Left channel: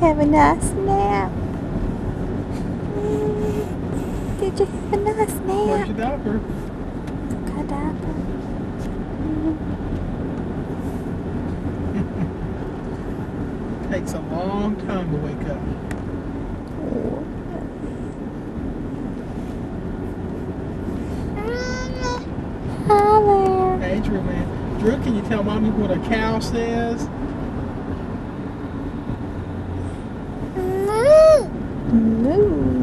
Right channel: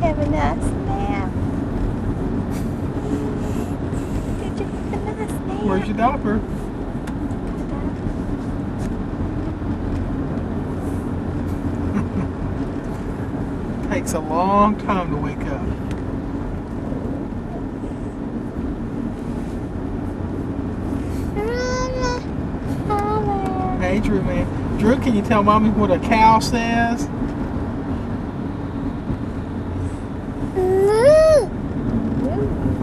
Have a nice nap. Did you have a nice nap? Where's your diaper? Got diaper. Takes a long time to wake up. Hello. Hey, Drew, man. Drew, can you tell Mommy what a cow says?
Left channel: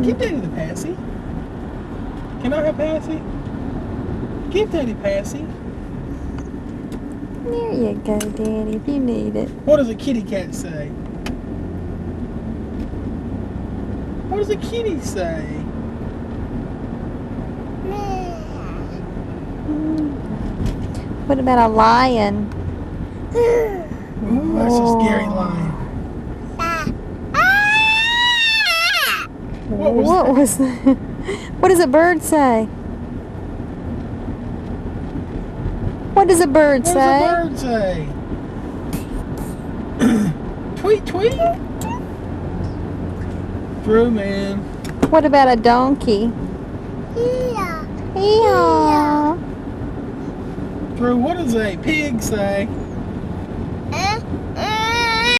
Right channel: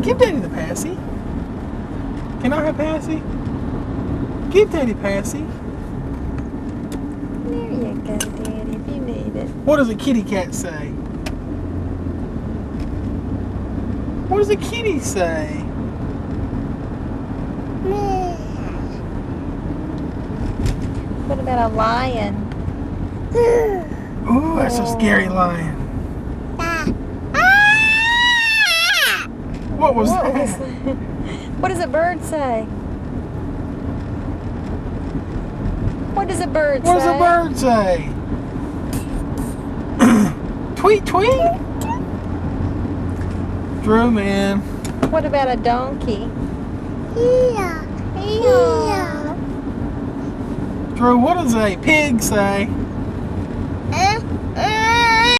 Give Daddy the passy. Can I have passy? Give Daddy passy. There you go, Daddy, if you need it. What does a kitty cat say? What does a kitty say? What about a lion? Ooh, that's a scary lion. What was that? that? What does a bird say? What does a bird What say? does a bird say? Tweet, tweet. Drew, man. What about a donkey? Yeah. Yeah. Drew, what does a pig say?